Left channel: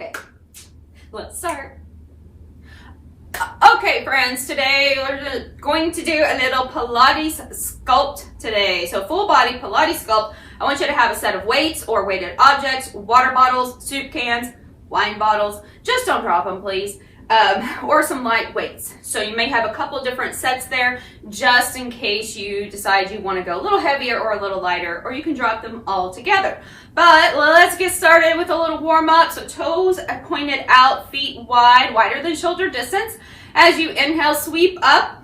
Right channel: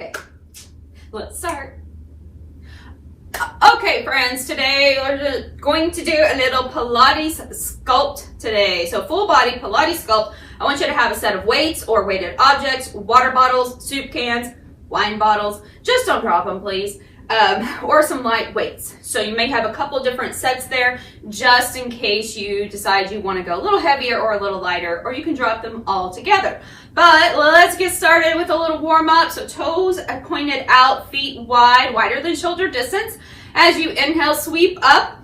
Okay, let's start. Okay, friends, today we're going to do a little Pilates sculpt today. So full body Pilates sculpt. I want you to have a set of weights or weighted objects, water bottles, soup cans, wine bottles. Just don't drop them, please. Or some light weights. So you may have a couple different sets there just in case you decide you want to go a little heavier or a little lighter, or you can drop them all together. But let's get started with a little warm up. So toes are pointed out, feet wide, wider than shoulder distance. As you inhale, sweep up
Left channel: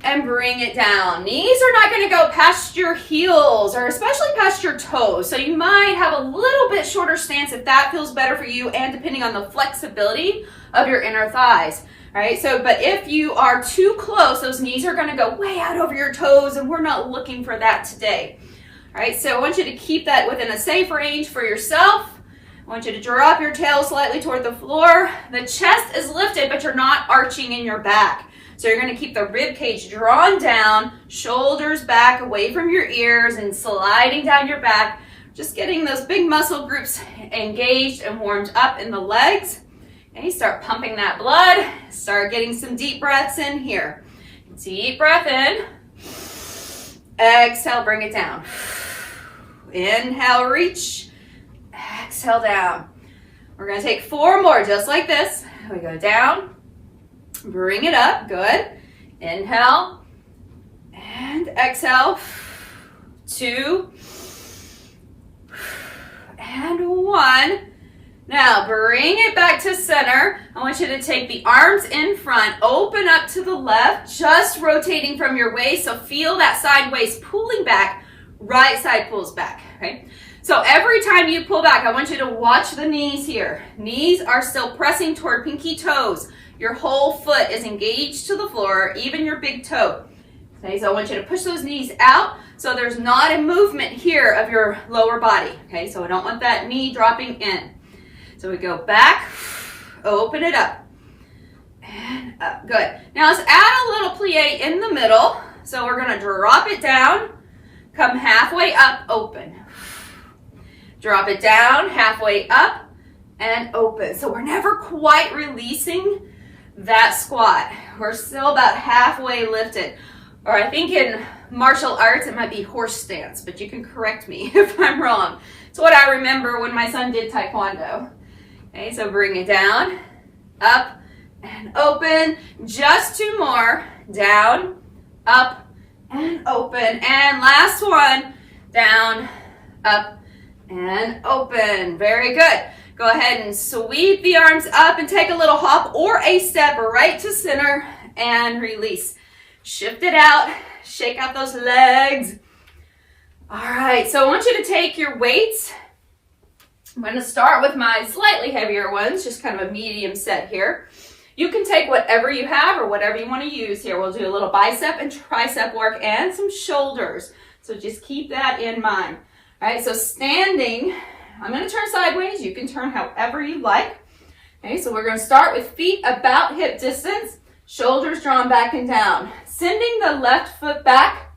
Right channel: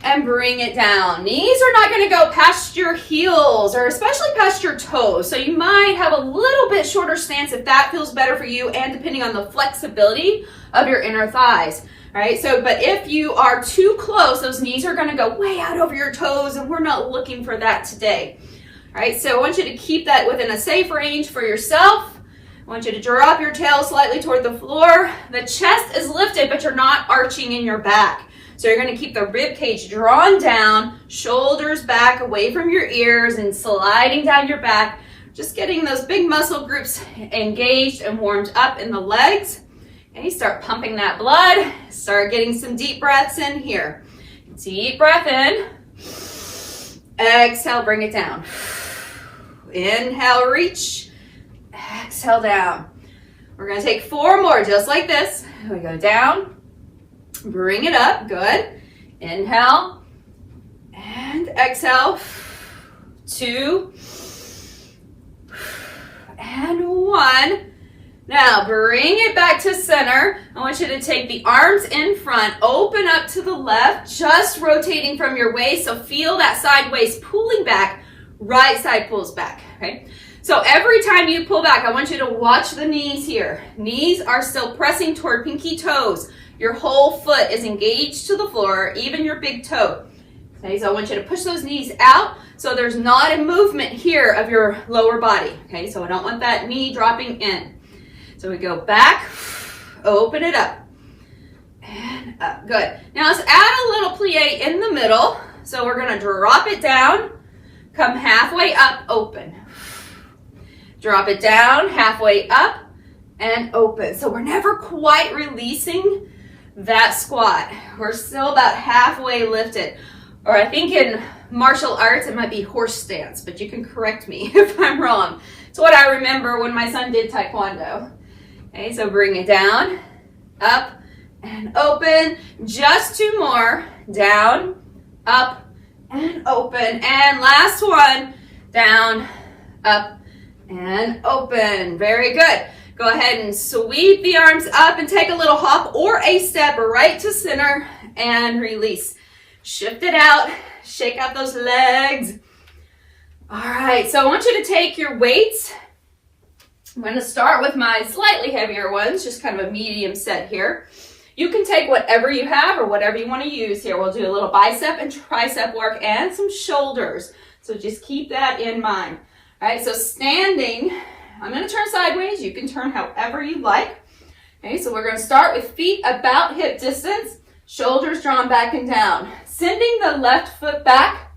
and bring it down. Knees are not going to go past your heels or especially past your toes. So you might have a little bit shorter stance if that feels better for you, and depending on the flexibility of your inner thighs. All right, so but if you are too close, those knees are going to go way out over your toes, and we're not looking for that today. All right, so I want you to keep that within a safe range for yourself. I want you to drop your tail slightly toward the floor. The chest is lifted, but you're not arching in your back. So you're going to keep the rib cage drawn down, shoulders back away from your ears and sliding down your back. Just getting those big muscle groups engaged and warmed up in the legs. Okay, start pumping that blood. Start getting some deep breaths in here. Deep breath in. Exhale, bring it down. Inhale, reach. Exhale, down. We're going to take 4 more just like this. We go down. Bring it up. Good. Inhale. And exhale. 2. And 1. Now bring it back to center. I want you to take the arms in front, open up to the left, just rotating from your waist. So feel that side waist pulling back, right side pulls back, okay? So every time you pull back, I want you to watch the knees here. Knees are still pressing toward pinky toes. Your whole foot is engaged to the floor, even your big toe. Okay, so I want you to push those knees out so there's not a movement here of your lower body. Okay, so I don't want that knee dropping in. So we go back, open it up, and up. Good. Now let's add a little plie in the middle. So we're going to drop it down, come halfway up, open. Drop it down, halfway up, and open. So we're never quite releasing that squat. We're still about halfway lifted. Or I think in martial arts it might be horse stance, but you can correct me if I'm wrong. It's what I remember when my son did taekwondo. Okay, so bring it down, up, and open. Just 2 more. Down, up, and open. And last one. Down, up, and open. Very good. Go ahead and sweep the arms up and take a little hop or a step right to center and release. Shift it out. Shake out those legs. All right, so I want you to take your weights. I'm going to start with my slightly heavier ones, just kind of a medium set here. You can take whatever you have or whatever you want to use here. We'll do a little bicep and tricep work and some shoulders. So just keep that in mind. All right, so standing, I'm going to turn sideways. You can turn however you like. Okay, so we're going to start with feet about hip distance, shoulders drawn back and down. Sending the left foot back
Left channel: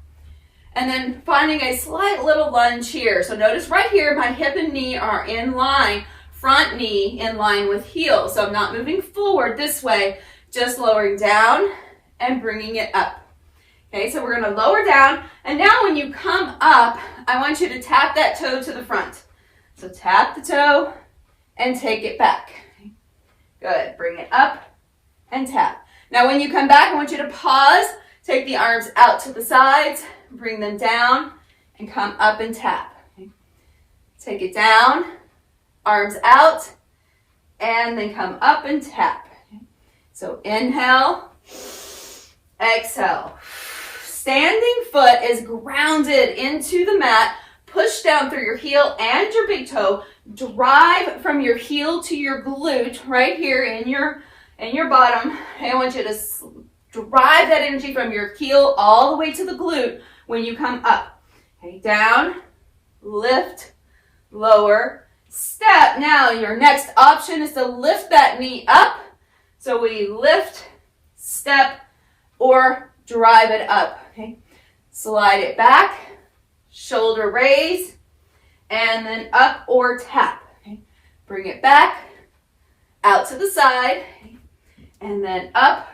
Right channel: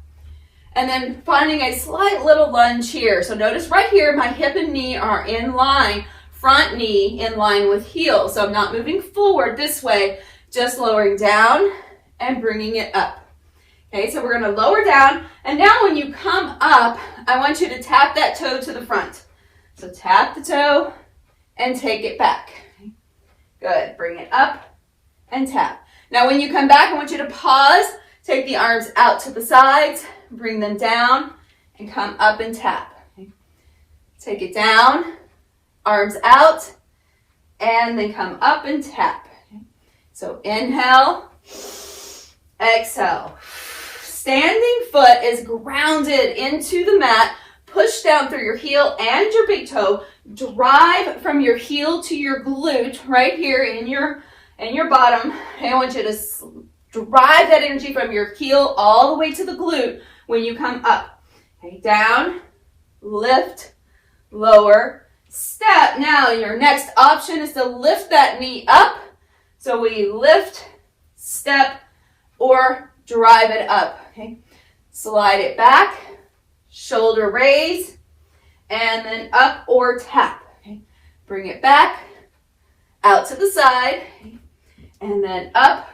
and then finding a slight little lunge here. So notice right here, my hip and knee are in line, front knee in line with heel. So I'm not moving forward this way, just lowering down and bringing it up. Okay, so we're going to lower down. And now when you come up, I want you to tap that toe to the front. So tap the toe and take it back. Good. Bring it up and tap. Now when you come back, I want you to pause. Take the arms out to the sides. Bring them down and come up and tap. Okay. Take it down. Arms out. And then come up and tap. Okay. So inhale. Exhale. Standing foot is grounded into the mat. Push down through your heel and your big toe. Drive from your heel to your glute right here in your bottom. I want you to drive that energy from your heel all the way to the glute when you come up. Okay, down, lift, lower, step. Now your next option is to lift that knee up. So we lift, step, or drive it up. Okay, slide it back. Shoulder raise, and then up or tap. Okay. Bring it back, out to the side, and then up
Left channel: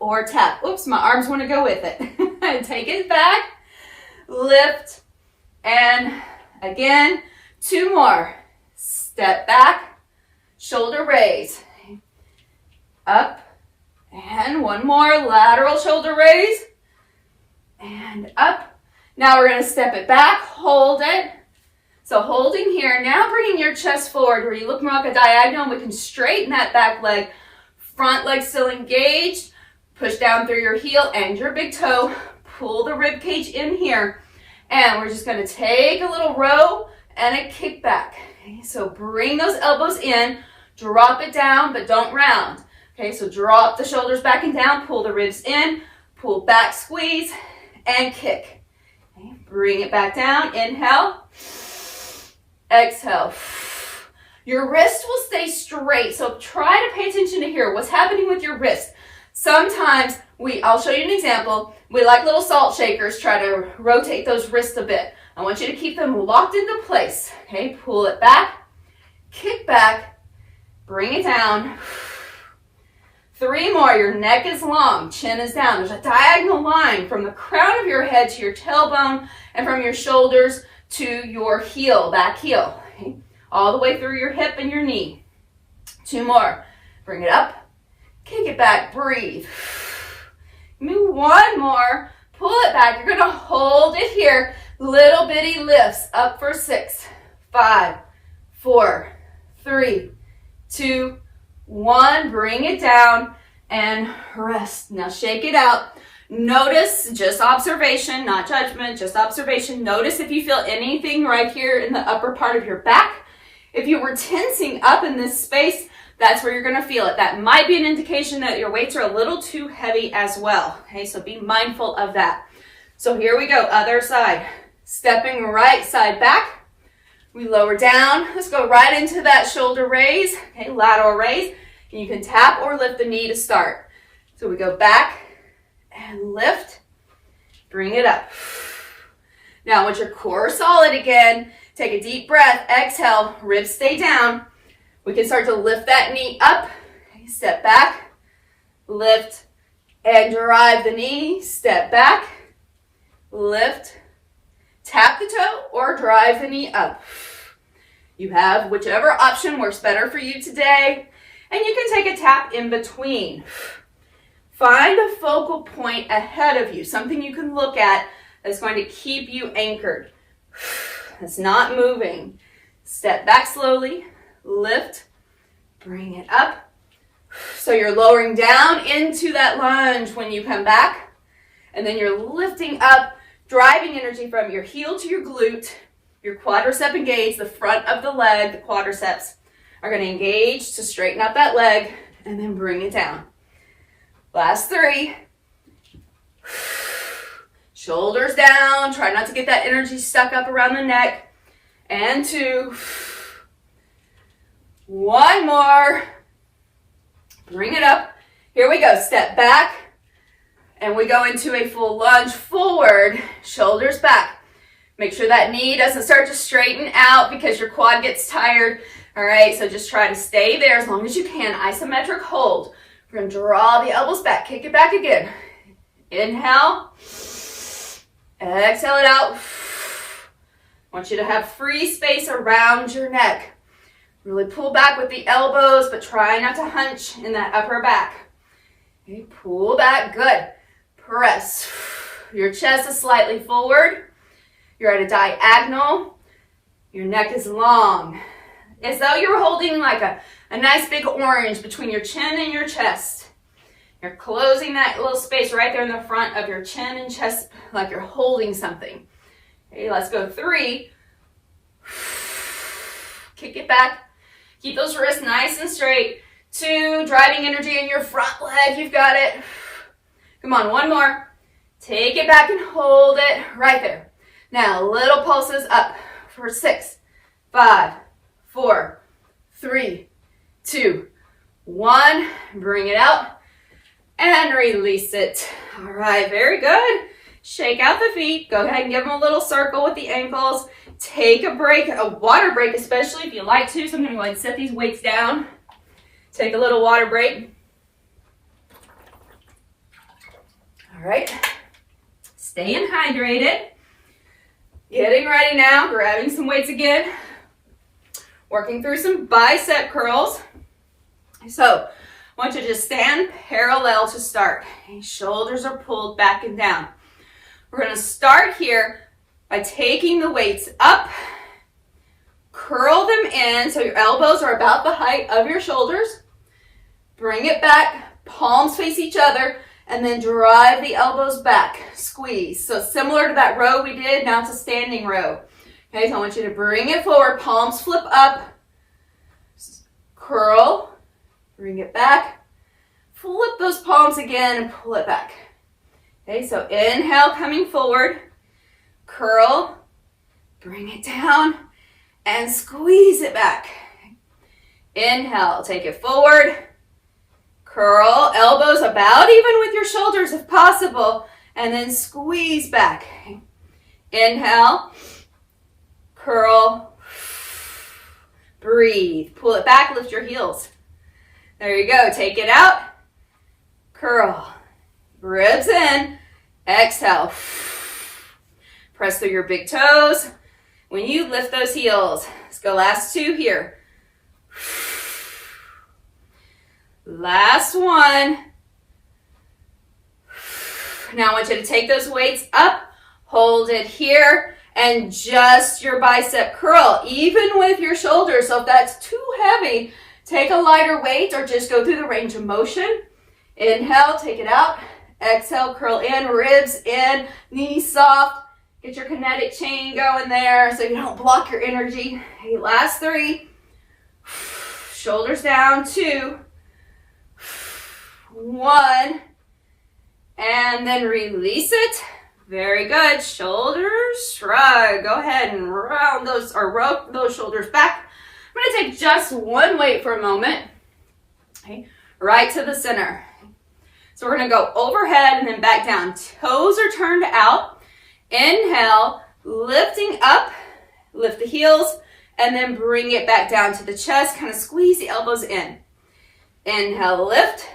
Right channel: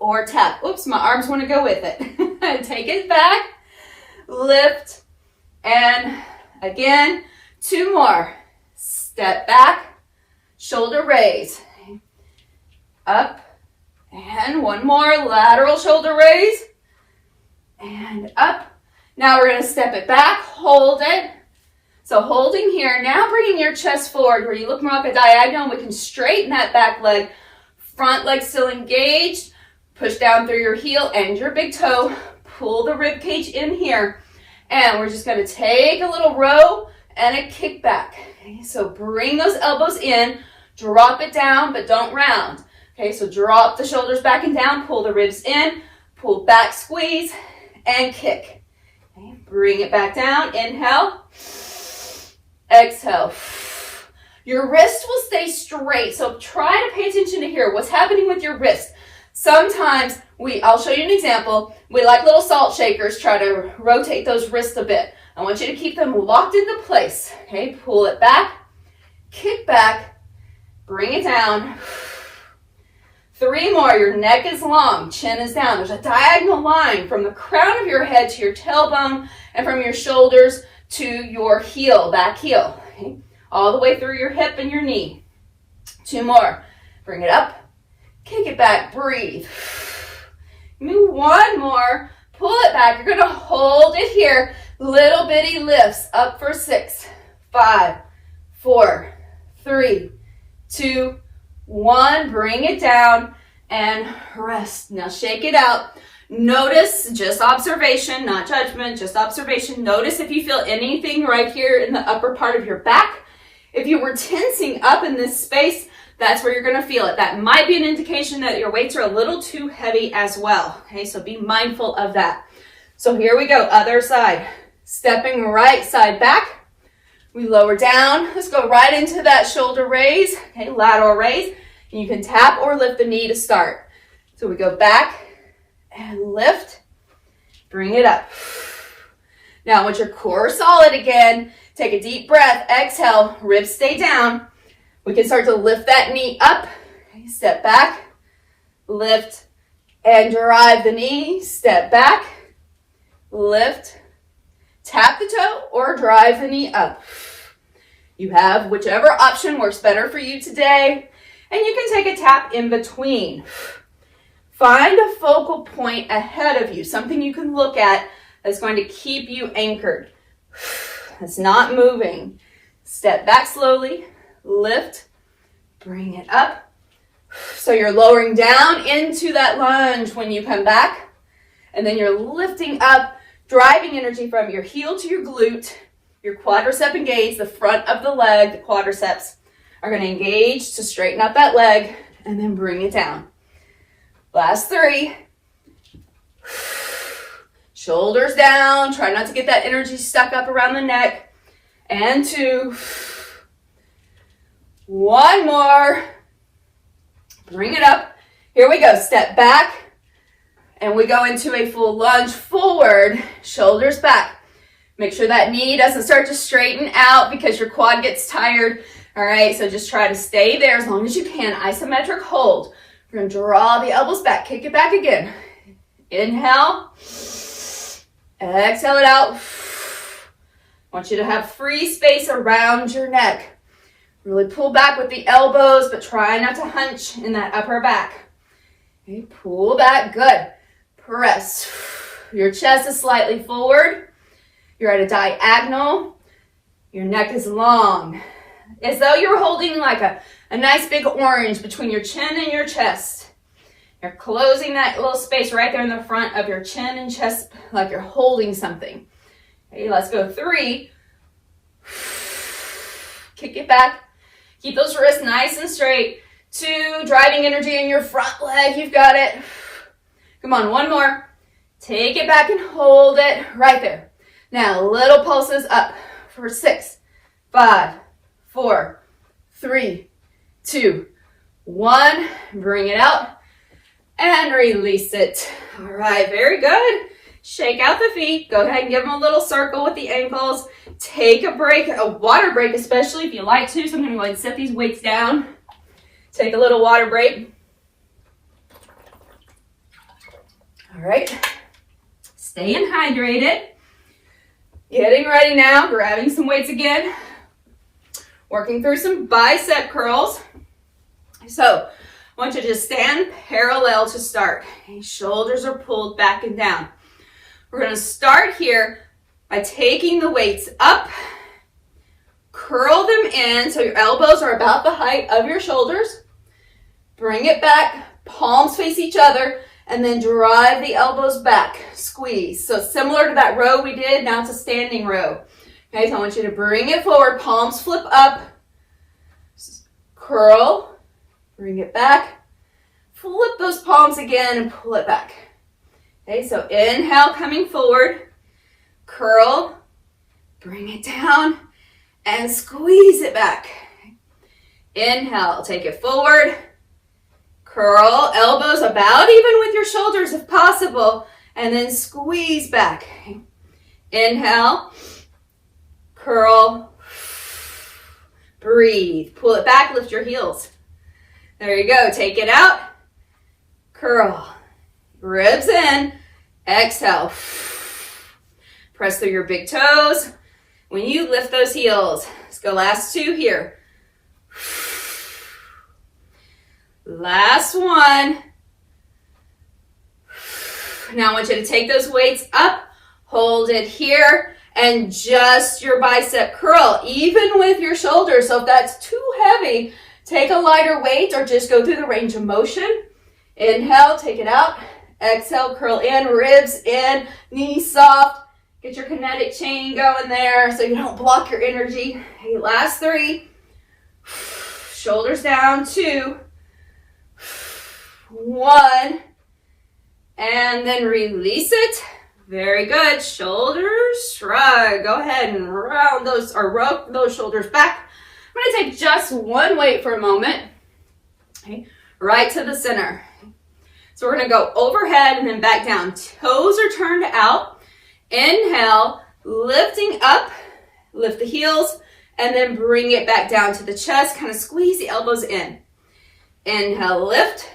or tap. Oops, my arms want to go with it. Take it back, lift, and again, 2 more. Step back, shoulder raise, up, and 1 more, lateral shoulder raise, and up. Now we're going to step it back, hold it. So holding here, now bringing your chest forward where you look more like a diagonal. We can straighten that back leg, front leg still engaged. Push down through your heel and your big toe. Pull the rib cage in here. And we're just going to take a little row and a kick back. Okay, so bring those elbows in, drop it down, but don't round. Okay, so drop the shoulders back and down, pull the ribs in, pull back, squeeze, and kick. Okay, bring it back down, inhale, exhale. Your wrist will stay straight, so try to pay attention to here. What's happening with your wrist? Sometimes I'll show you an example. We like little salt shakers, try to rotate those wrists a bit. I want you to keep them locked into place. Okay, pull it back, kick back, bring it down. 3 more, your neck is long, chin is down. There's a diagonal line from the crown of your head to your tailbone and from your shoulders to your heel, back heel. Okay, all the way through your hip and your knee. 2 more, bring it up. Kick it back, breathe. Move 1 more, pull it back. You're going to hold it here. Little bitty lifts up for 6, 5, 4, 3, 2, 1. Bring it down and rest. Now shake it out. Notice, just observation, not judgment, just observation. Notice if you feel anything right here in the upper part of your back. If you were tensing up in this space, that's where you're going to feel it. That might be an indication that your weights are a little too heavy as well. Okay, so be mindful of that. So here we go, other side. Stepping right side back. We lower down. Let's go right into that shoulder raise. Okay, lateral raise. And you can tap or lift the knee to start. So we go back and lift. Bring it up. Now, once your core is solid again, take a deep breath. Exhale, ribs stay down. We can start to lift that knee up. Okay, step back, lift, and drive the knee. Step back, lift, tap the toe, or drive the knee up. You have whichever option works better for you today, and you can take a tap in between. Find a focal point ahead of you, something you can look at that's going to keep you anchored. It's not moving. Step back slowly. Lift, bring it up. So you're lowering down into that lunge when you come back. And then you're lifting up, driving energy from your heel to your glute. Your quadricep engaged, the front of the leg, the quadriceps are going to engage to straighten up that leg and then bring it down. Last 3. Shoulders down. Try not to get that energy stuck up around the neck. And 2. 1 more. Bring it up. Here we go. Step back. And we go into a full lunge forward. Shoulders back. Make sure that knee doesn't start to straighten out because your quad gets tired. All right, so just try to stay there as long as you can. Isometric hold. We're going to draw the elbows back. Kick it back again. Inhale. Exhale it out. I want you to have free space around your neck. Really pull back with the elbows, but try not to hunch in that upper back. Okay, pull back. Good. Press. Your chest is slightly forward. You're at a diagonal. Your neck is long. As though you're holding like a nice big orange between your chin and your chest. You're closing that little space right there in the front of your chin and chest like you're holding something. Okay, let's go 3. Kick it back. Keep those wrists nice and straight. 2, driving energy in your front leg. You've got it. Come on, 1 more. Take it back and hold it right there. Now, little pulses up for 6, 5, 4, 3, 2, 1. Bring it out and release it. All right, very good. Shake out the feet. Go ahead and give them a little circle with the ankles. Take a break, a water break especially if you like to. So I'm going to go ahead and set these weights down. Take a little water break. All right. Staying hydrated. Getting ready now, grabbing some weights again. Working through some bicep curls. So, I want you to just stand parallel to start. Okay, shoulders are pulled back and down. We're going to start here by taking the weights up. Curl them in so your elbows are about the height of your shoulders. Bring it back, palms face each other, and then drive the elbows back. Squeeze. So similar to that row we did, now it's a standing row. Okay, so I want you to bring it forward, palms flip up, curl, bring it back, flip those palms again and pull it back. Okay, so inhale, coming forward, curl, bring it down, and squeeze it back. Inhale, take it forward, curl, elbows about even with your shoulders if possible, and then squeeze back. Inhale, curl, breathe, pull it back, lift your heels. There you go, take it out, curl, ribs in, exhale. Press through your big toes. When you lift those heels, let's go last two here. Last one. Now I want you to take those weights up, hold it here, and just your bicep curl, even with your shoulders. So if that's too heavy, take a lighter weight or just go through the range of motion. Inhale, take it out. Exhale, curl in, ribs in, knees soft. Get your kinetic chain going there so you don't block your energy. Okay, last three. Shoulders down, 2, 1, and then release it. Very good. Shoulders shrug. Go ahead and round those or rope those shoulders back. I'm going to take just one weight for a moment. Okay, right to the center. So we're going to go overhead and then back down. Toes are turned out. Inhale, lifting up, lift the heels, and then bring it back down to the chest. Kind of squeeze the elbows in. Inhale, lift.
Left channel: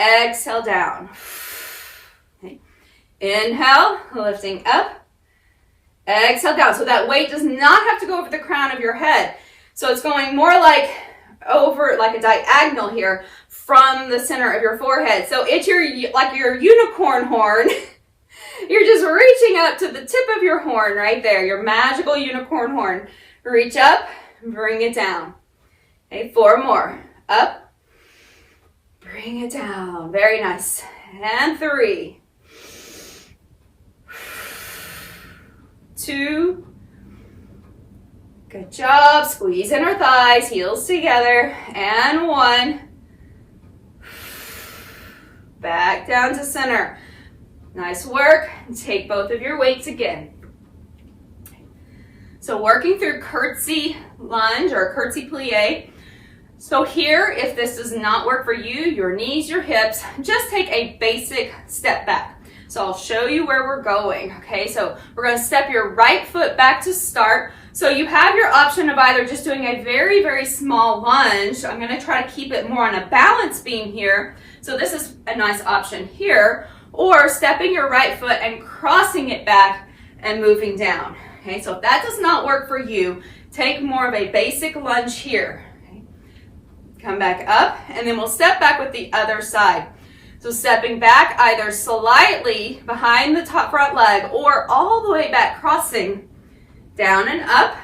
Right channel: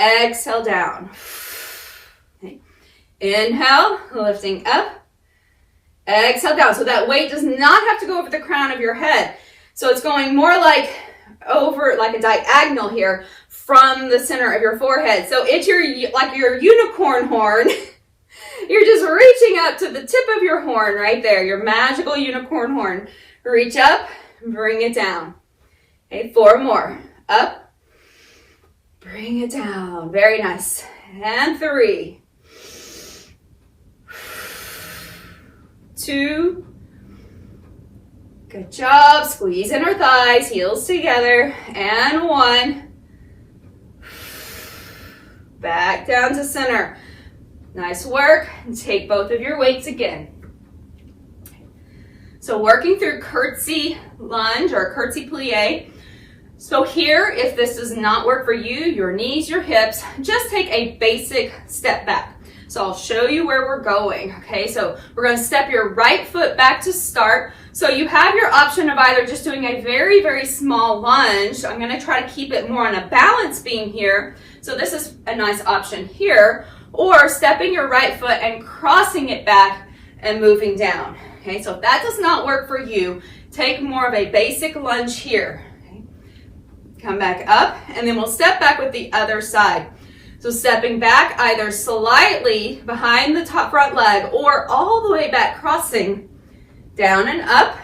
Exhale, down. Okay. Inhale, lifting up. Exhale, down. So that weight does not have to go over the crown of your head. So it's going more like over, like a diagonal here from the center of your forehead. So it's like your unicorn horn. You're just reaching up to the tip of your horn right there, your magical unicorn horn. Reach up, bring it down. Okay, 4 more. Up, bring it down. Very nice. And 3, 2, good job. Squeeze in our thighs, heels together. And 1. Back down to center. Nice work. Take both of your weights again. So working through curtsy lunge or curtsy plie. So here, if this does not work for you, your knees, your hips, just take a basic step back. So I'll show you where we're going, okay? So we're gonna step your right foot back to start. So you have your option of either just doing a very, very small lunge. I'm gonna try to keep it more on a balance beam here. So this is a nice option here. Or stepping your right foot and crossing it back and moving down. Okay, so if that does not work for you, take more of a basic lunge here. Okay. Come back up, and then we'll step back with the other side. So stepping back either slightly behind the top front leg or all the way back, crossing down and up,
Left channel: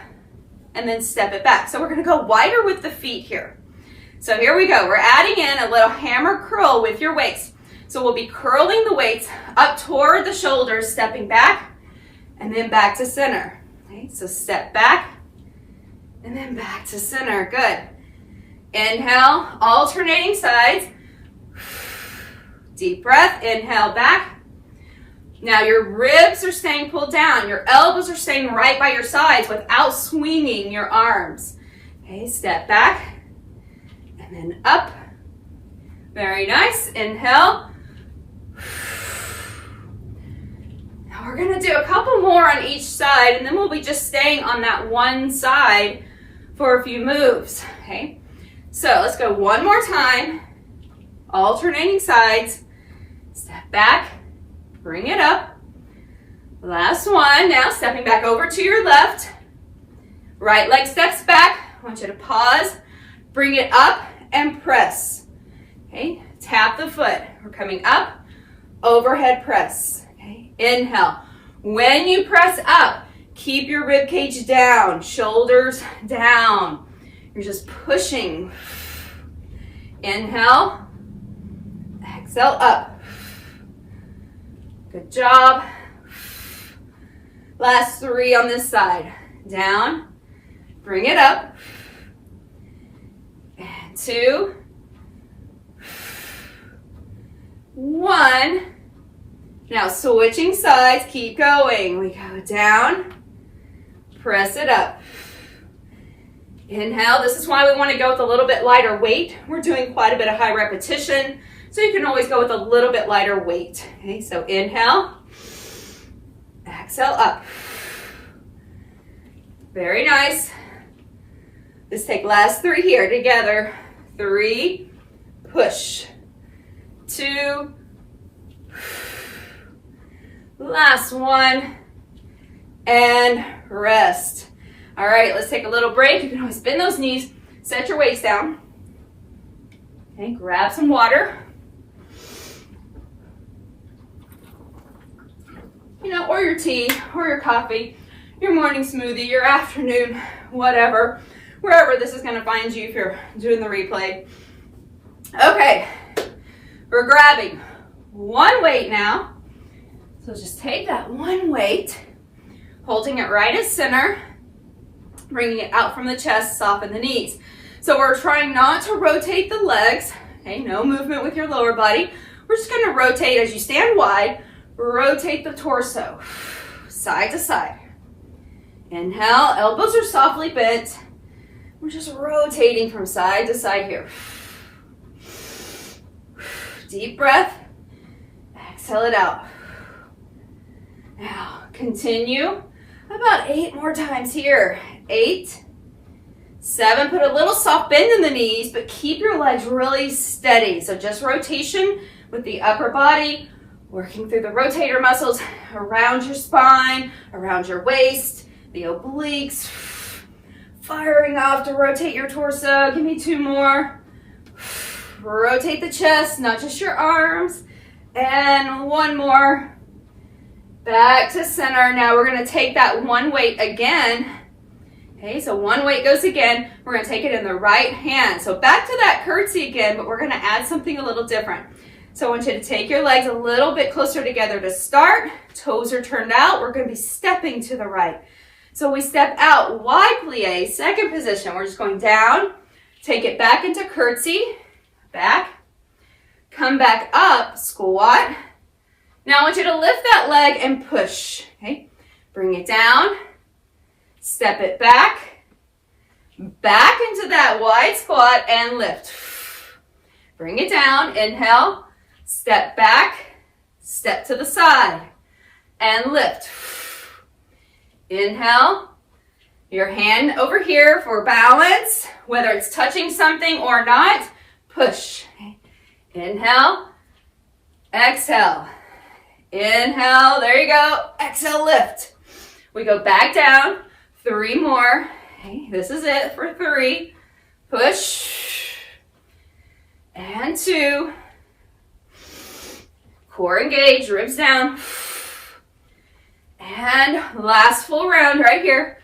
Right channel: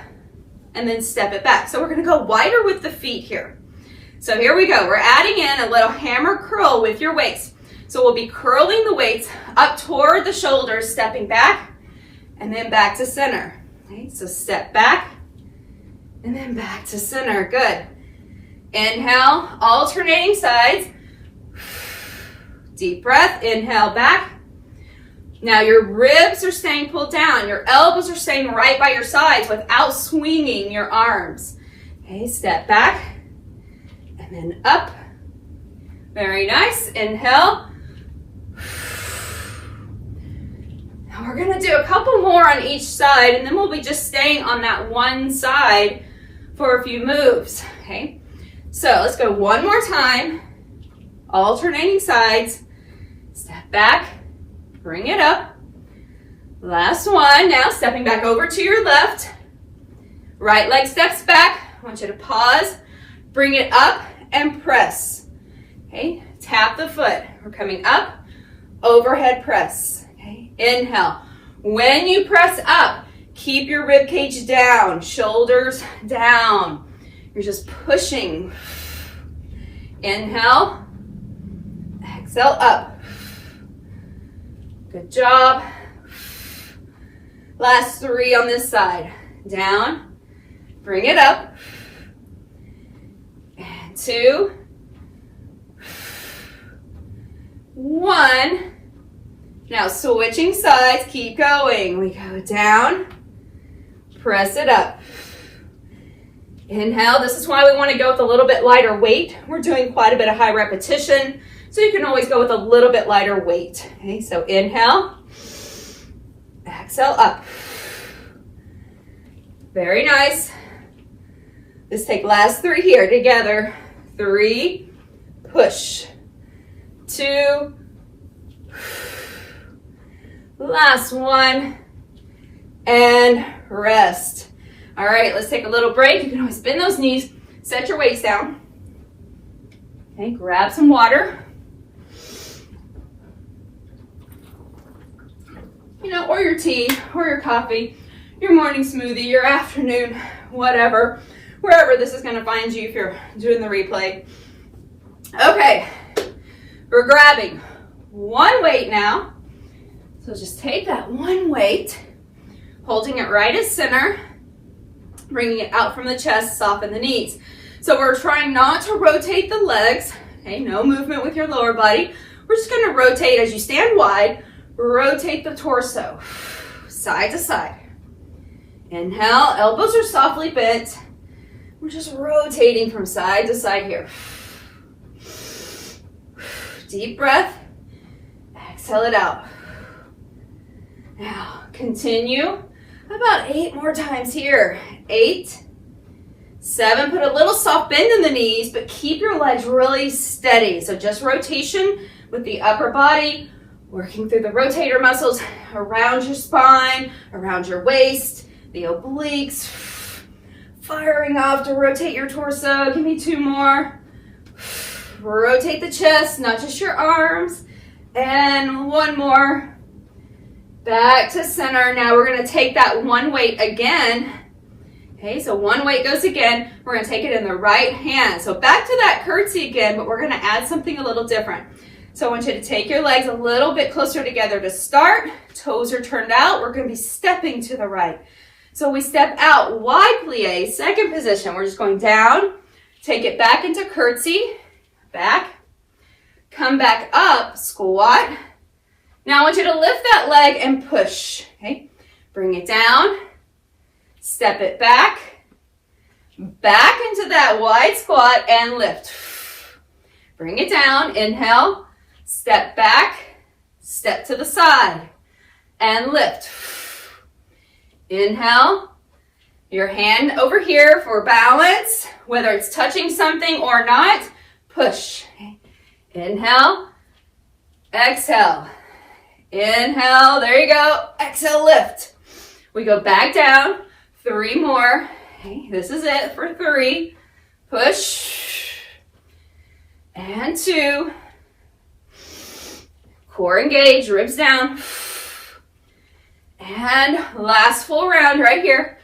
and then step it back. So we're gonna go wider with the feet here. So here we go. We're adding in a little hammer curl with your weights. So we'll be curling the weights up toward the shoulders, stepping back, and then back to center. Okay, so step back, and then back to center. Good. Inhale, alternating sides. Deep breath, inhale back. Now your ribs are staying pulled down. Your elbows are staying right by your sides without swinging your arms. Okay, step back, and then up. Very nice. Inhale. Now we're gonna do a couple more on each side, and then we'll be just staying on that one side for a few moves, okay? So let's go one more time, alternating sides. Step back, bring it up. Last one. Now stepping back over to your left. Right leg steps back. I want you to pause, bring it up, and press. Okay, tap the foot. We're coming up, overhead press. Okay, inhale. When you press up, keep your rib cage down, shoulders down. You're just pushing. Inhale, exhale up. Good job. Last 3 on this side. Down, bring it up. And 2, 1. Now switching sides, keep going. We go down, press it up. Inhale. This is why we want to go with a little bit lighter weight. We're doing quite a bit of high repetition, so you can always go with a little bit lighter weight. Okay, so inhale, exhale up. Very nice. Let's take last 3 here together. 3, push. 2, last 1, and rest. All right, let's take a little break. You can always bend those knees, set your weights down. Okay, grab some water. Or your tea, or your coffee, your morning smoothie, your afternoon, whatever, wherever this is gonna find you if you're doing the replay. Okay, we're grabbing 1 weight now. So just take that 1 weight, holding it right at center, bringing it out from the chest, soften the knees. So we're trying not to rotate the legs, okay, no movement with your lower body. We're just gonna rotate as you stand wide, rotate the torso, side to side. Inhale, elbows are softly bent. We're just rotating from side to side here. Deep breath, exhale it out. Now, continue about 8 more times here. 8, 7, put a little soft bend in the knees, but keep your legs really steady. So just rotation with the upper body, working through the rotator muscles around your spine, around your waist, the obliques, firing off to rotate your torso. Give me 2 more. Rotate the chest, not just your arms. And 1 more. Back to center. Now we're going to take that 1 weight again. Okay, so 1 weight goes again. We're going to take it in the right hand. So back to that curtsy again, but we're going to add something a little different. So I want you to take your legs a little bit closer together to start. Toes are turned out. We're going to be stepping to the right. So we step out, wide plie, second position. We're just going down, take it back into curtsy, back, come back up, squat. Now I want you to lift that leg and push, okay? Bring it down, step it back into that wide squat and lift. Bring it down, inhale, step back, step to the side and lift. Inhale, your hand over here for balance, whether it's touching something or not, push. Inhale, exhale. Inhale, there you go. Exhale, lift. We go back down, 3 more. Okay, this is it for 3. Push. And 2. Core engaged, ribs down. And last full round right here.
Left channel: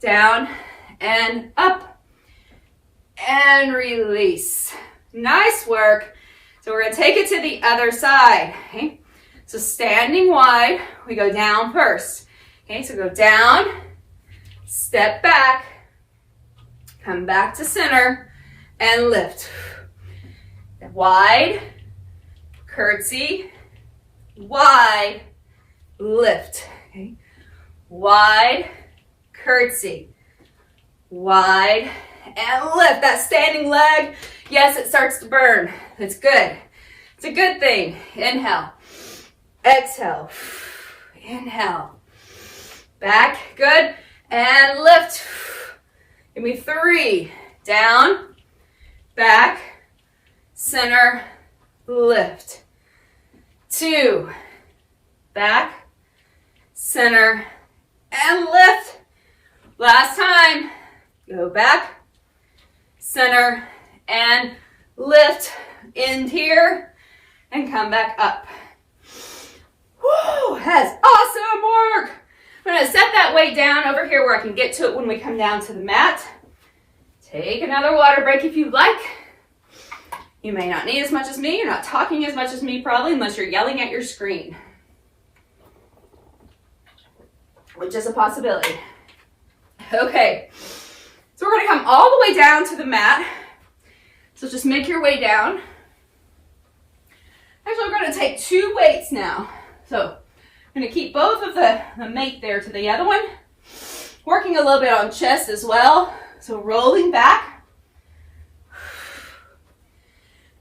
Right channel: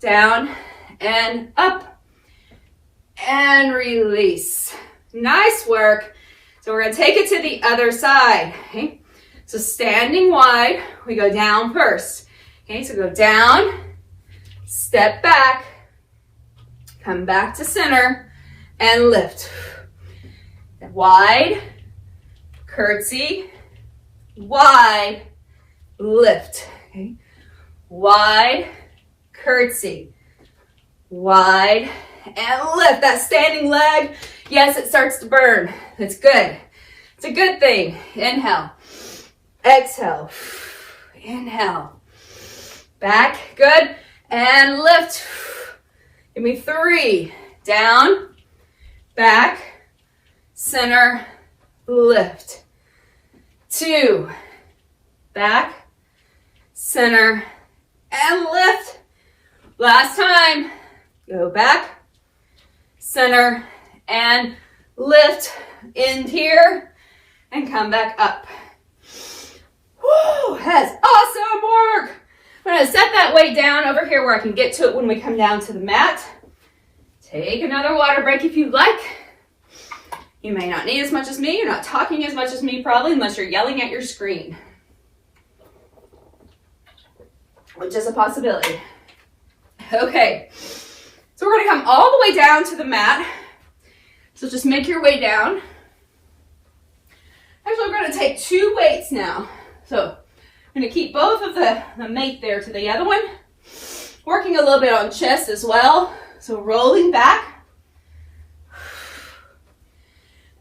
Down and up. And release. Nice work. So we're going to take it to the other side. Okay? So standing wide, we go down first. Okay, so go down, step back, come back to center, and lift. Wide, curtsy, wide, lift. Okay, wide, curtsy, wide, and lift. That standing leg, yes, it starts to burn. It's good. It's a good thing. Inhale, exhale, inhale, back, good, and lift. Give me 3, down, back, center, lift. 2, back, center, and lift. Last time. Go back, center, and lift. End here, and come back up. Woo, that's awesome work. I'm going to set that weight down over here where I can get to it when we come down to the mat. Take another water break if you'd like. You may not need as much as me. You're not talking as much as me probably unless you're yelling at your screen, which is a possibility. Okay, so we're going to come all the way down to the mat. So just make your way down. Actually, we're going to take 2 weights now. So I'm going to keep both of the mate there to the other one. Working a little bit on chest as well. So rolling back.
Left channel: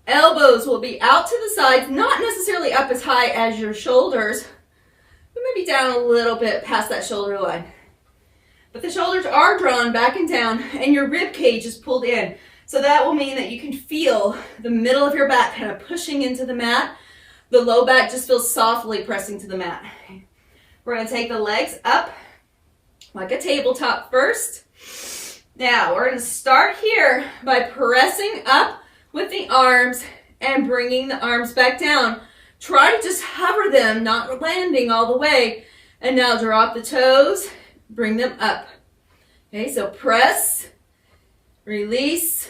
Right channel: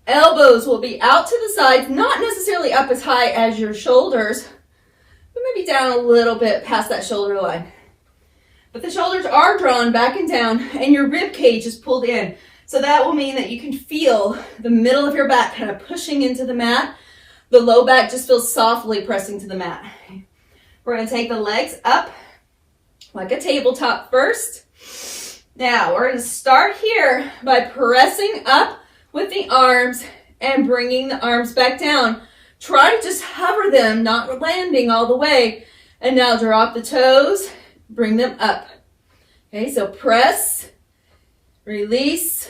Elbows will be out to the sides, not necessarily up as high as your shoulders, but maybe down a little bit past that shoulder line. But the shoulders are drawn back and down, and your rib cage is pulled in. So that will mean that you can feel the middle of your back kind of pushing into the mat. The low back just feels softly pressing to the mat. We're going to take the legs up like a tabletop first. Now, we're going to start here by pressing up with the arms and bringing the arms back down. Try to just hover them, not landing all the way. And now drop the toes, bring them up. Okay, so press, release,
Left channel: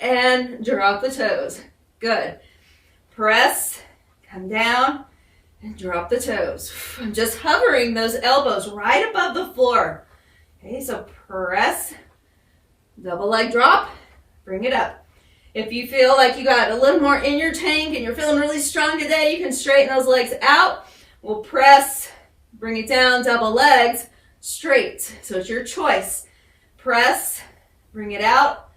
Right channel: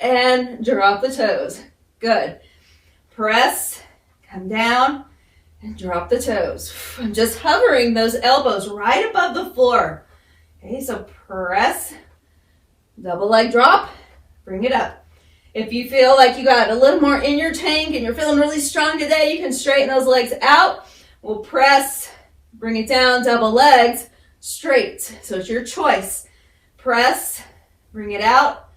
and drop the toes. Good. Press, come down, and drop the toes. I'm just hovering those elbows right above the floor. Okay, so press, double leg drop, bring it up. If you feel like you got a little more in your tank and you're feeling really strong today, you can straighten those legs out. We'll press, bring it down, double legs, straight. So it's your choice. Press, bring it out,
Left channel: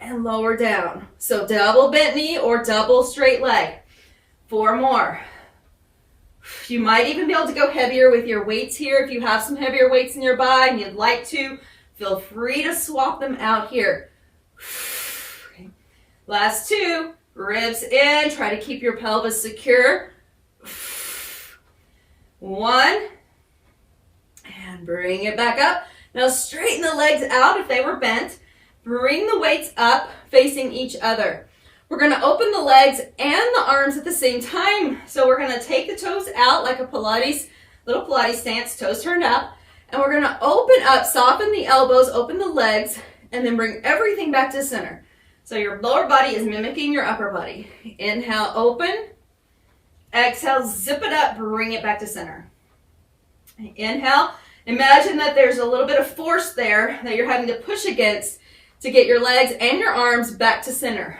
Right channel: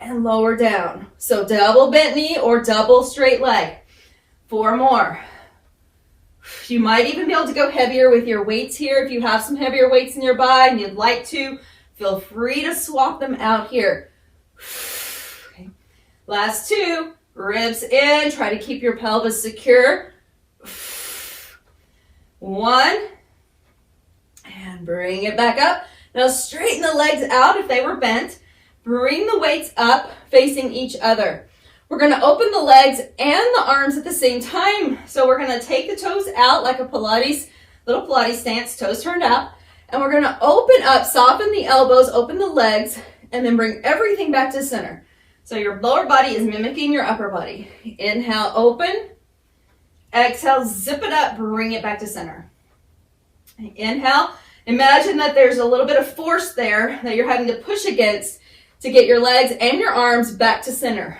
and lower down. So double bent knee or double straight leg. 4 more. You might even be able to go heavier with your weights here. If you have some heavier weights in your body and you'd like to, feel free to swap them out here. Okay. Last 2, ribs in. Try to keep your pelvis secure. 1, and bring it back up. Now straighten the legs out if they were bent. Bring the weights up facing each other. We're going to open the legs and the arms at the same time. So we're going to take the toes out like a Pilates, little Pilates stance, toes turned out. And we're going to open up, soften the elbows, open the legs, and then bring everything back to center. So your lower body is mimicking your upper body. Inhale, open. Exhale, zip it up, bring it back to center. Inhale, imagine that there's a little bit of force there that you're having to push against to get your legs and your arms back to center.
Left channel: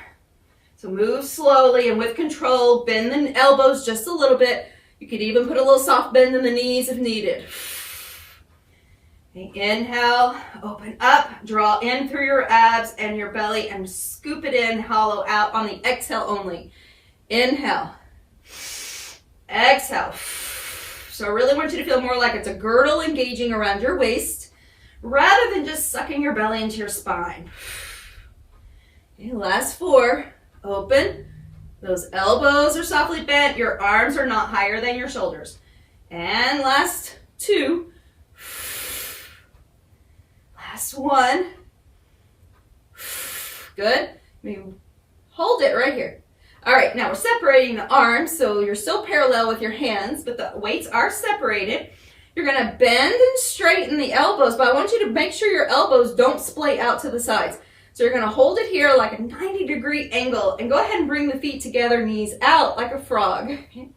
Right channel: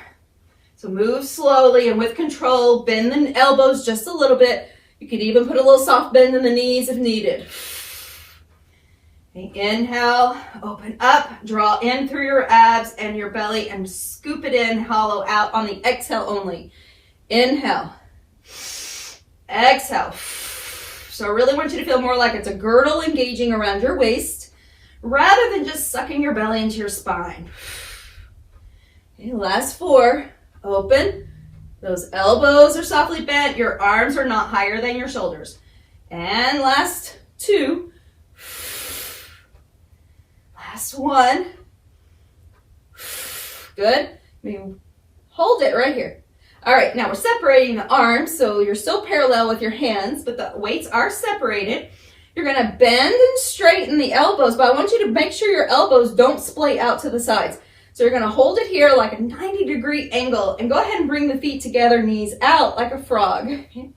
So move slowly and with control, bend the elbows just a little bit. You could even put a little soft bend in the knees if needed. Okay, inhale, open up, draw in through your abs and your belly and scoop it in, hollow out on the exhale only. Inhale, exhale. So I really want you to feel more like it's a girdle engaging around your waist rather than just sucking your belly into your spine. Okay, last 4. Open. Those elbows are softly bent. Your arms are not higher than your shoulders. And last 2. Last 1. Good. Hold it right here. All right, now we're separating the arms, so you're still parallel with your hands, but the weights are separated. You're going to bend and straighten the elbows, but I want you to make sure your elbows don't splay out to the sides. So you're going to hold it here like a 90-degree angle and go ahead and bring the feet together, knees out like a frog. Okay.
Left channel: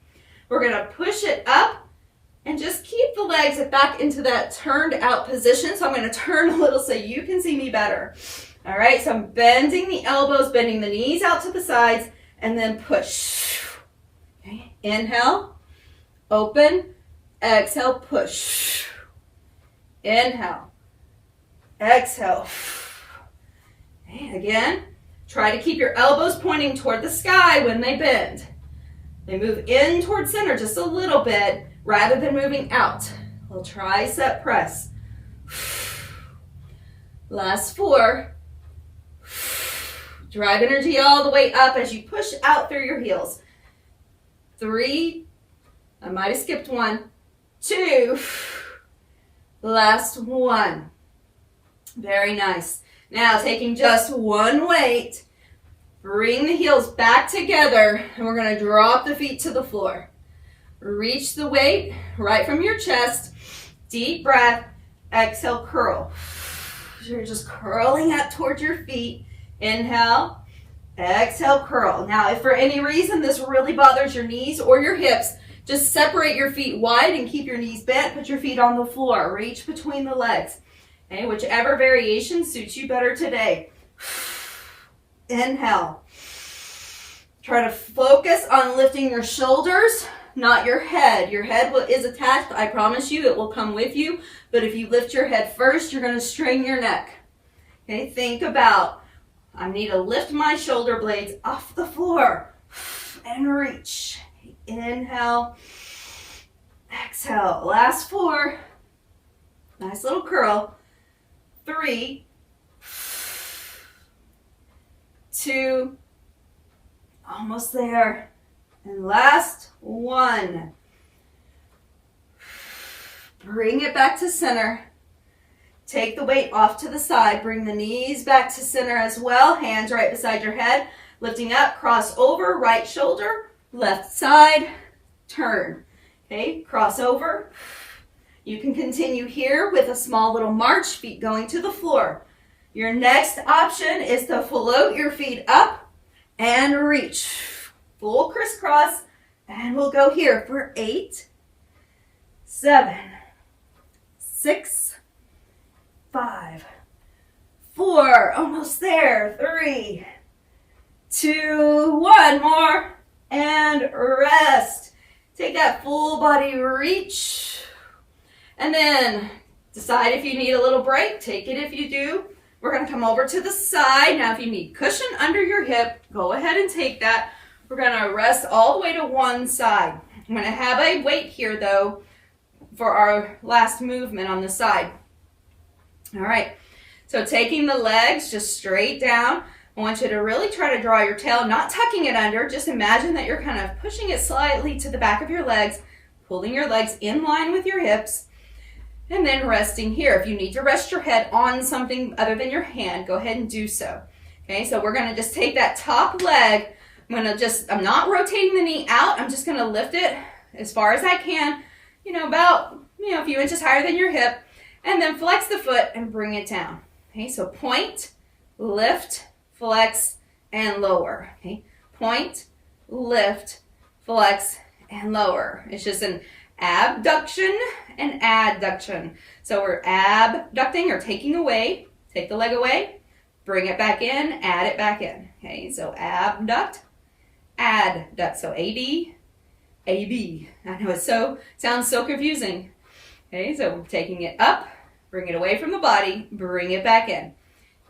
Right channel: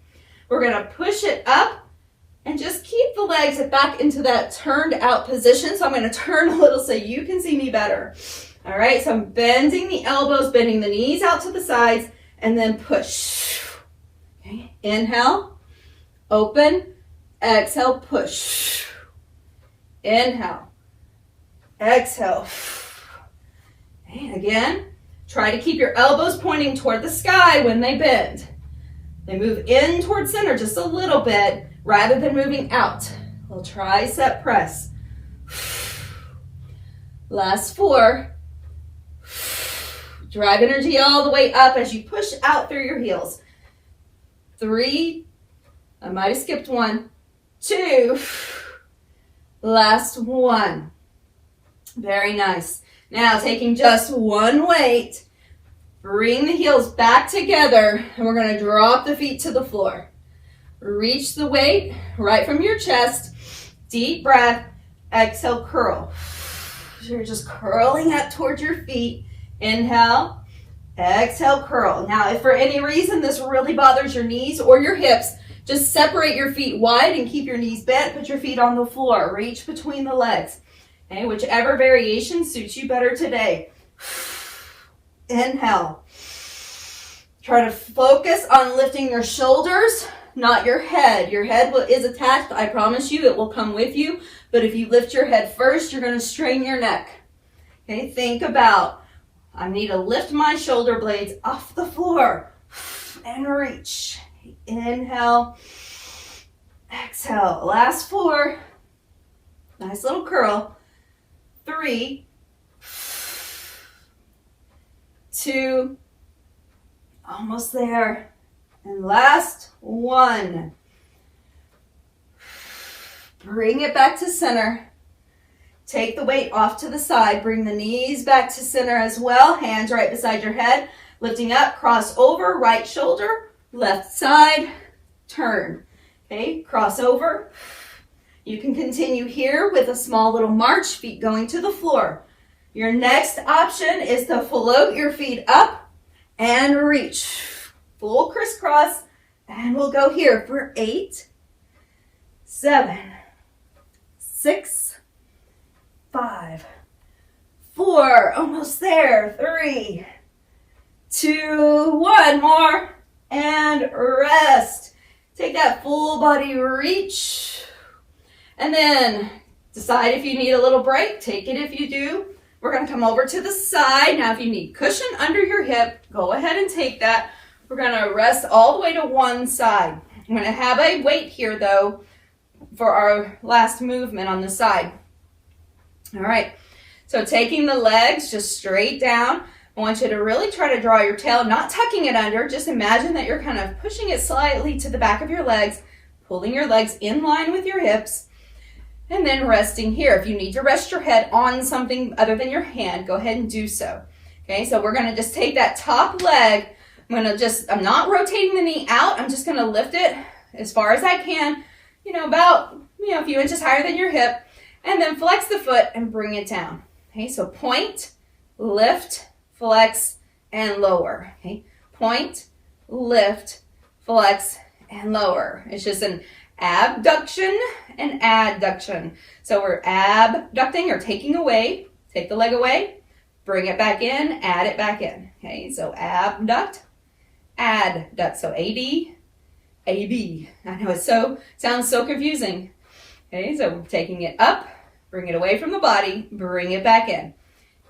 We're going to push it up and just keep the legs back into that turned out position. So I'm going to turn a little so you can see me better. All right, so I'm bending the elbows, bending the knees out to the sides, and then push. Okay. Inhale, open, exhale, push. Inhale, exhale. Okay, again, try to keep your elbows pointing toward the sky when they bend. They move in toward center just a little bit rather than moving out. We'll tricep press. Last 4. Drive energy all the way up as you push out through your heels. 3, I might have skipped 1, 2, last 1. Very nice. Now taking just one weight, bring the heels back together, and we're going to drop the feet to the floor. Reach the weight right from your chest. Deep breath. Exhale, curl. So you're just curling up towards your feet. Inhale. Exhale, curl. Now, if for any reason this really bothers your knees or your hips, just separate your feet wide and keep your knees bent. Put your feet on the floor. Reach between the legs. Okay, whichever variation suits you better today. Inhale. Try to focus on lifting your shoulders, not your head. Your head is attached. I promise you it will come with you. But if you lift your head first, you're going to strain your neck. Okay, think about, I need to lift my shoulder blades off the floor and reach. Inhale. Exhale. Last 4. Nice little curl. 3, 2, almost there, and last 1. Bring it back to center. Take the weight off to the side. Bring the knees back to center as well. Hands right beside your head. Lifting up, cross over, right shoulder, left side, turn. Okay, cross over. You can continue here with a small little march, feet going to the floor. Your next option is to float your feet up and reach. Full crisscross, and we'll go here for 8, 7, 6, 5, 4, almost there, 3, 2, 1 more, and rest. Take that full body reach. And then decide if you need a little break. Take it if you do. We're going to come over to the side. Now, if you need cushion under your hip, go ahead and take that. We're going to rest all the way to one side. I'm going to have a weight here, though, for our last movement on the side. All right. So taking the legs just straight down. I want you to really try to draw your tail, not tucking it under. Just imagine that you're kind of pushing it slightly to the back of your legs, pulling your legs in line with your hips. And then resting here. If you need to rest your head on something other than your hand, go ahead and do so. Okay, so we're going to just take that top leg. I'm not rotating the knee out. I'm just going to lift it as far as I can, about, a few inches higher than your hip. And then flex the foot and bring it down. Okay, so point, lift, flex, and lower. Okay, point, lift, flex, and lower. It's just an abduction and adduction. So we're abducting or taking away, take the leg away, bring it back in, add it back in. Okay, so abduct, adduct. So AD, AB. I know it sounds so confusing. Okay, so taking it up, bring it away from the body, bring it back in.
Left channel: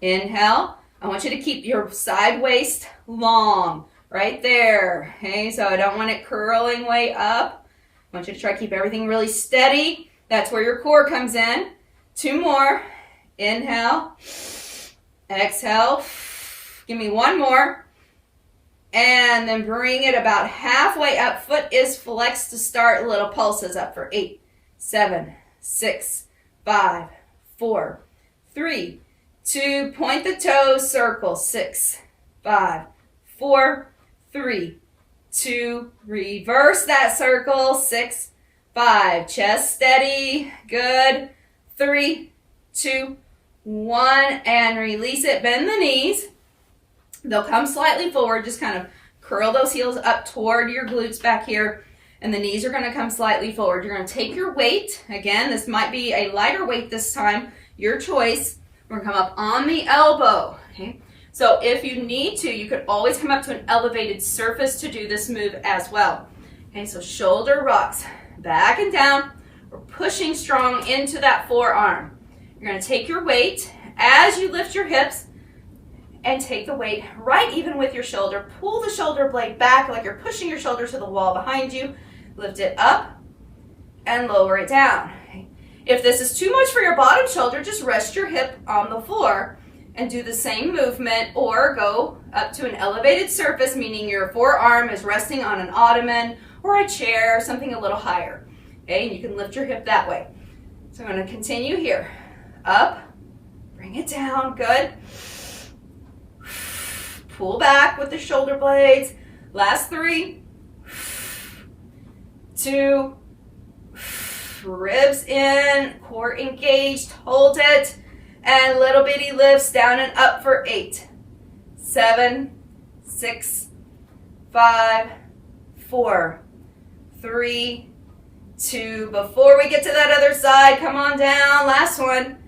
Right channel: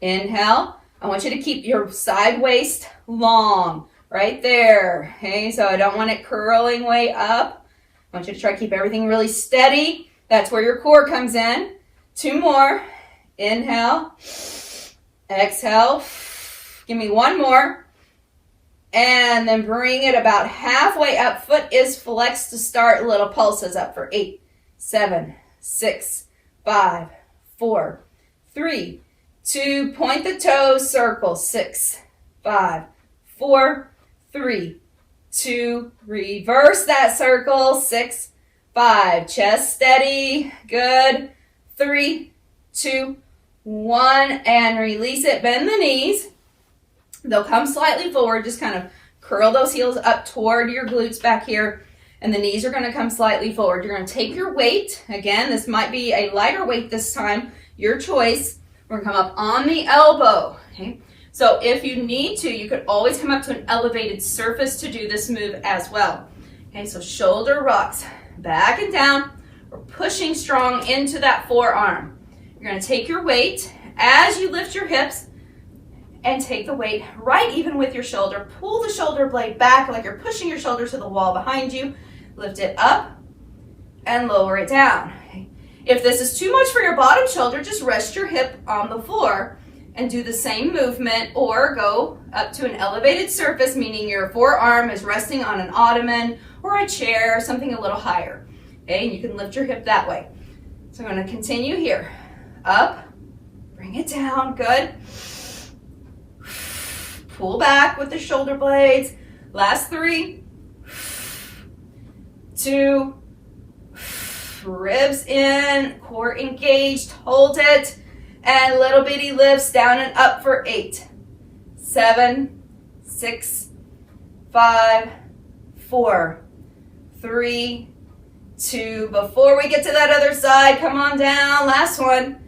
Inhale. I want you to keep your side waist long, right there. Okay, so I don't want it curling way up. I want you to try to keep everything really steady. That's where your core comes in. 2 more. Inhale. Exhale. Give me 1 more. And then bring it about halfway up. Foot is flexed to start. Little pulses up for 8, 7, 6, 5, 4, 3, 2. Point the toes. Circle. 6, 5, 4, 3, 2, reverse that circle, 6, 5, chest steady, good, 3, 2, 1, and release it, bend the knees, they'll come slightly forward, just kind of curl those heels up toward your glutes back here, and the knees are going to come slightly forward. You're going to take your weight, again, this might be a lighter weight this time, your choice, we're going to come up on the elbow, okay? So if you need to, you could always come up to an elevated surface to do this move as well. Okay, so shoulder rocks back and down. We're pushing strong into that forearm. You're going to take your weight as you lift your hips and take the weight right even with your shoulder. Pull the shoulder blade back like you're pushing your shoulder to the wall behind you. Lift it up and lower it down. Okay. If this is too much for your bottom shoulder, just rest your hip on the floor. and do the same movement, or go up to an elevated surface, meaning your forearm is resting on an ottoman or a chair, something a little higher. Okay, and you can lift your hip that way. So I'm going to continue here. Up, bring it down, good. Pull back with the shoulder blades. Last 3, 2, ribs in, core engaged, hold it, and little bitty lifts down and up for 8, 7, 6, 5, 4, 3, 2. Before we get to that other side, come on down, last one.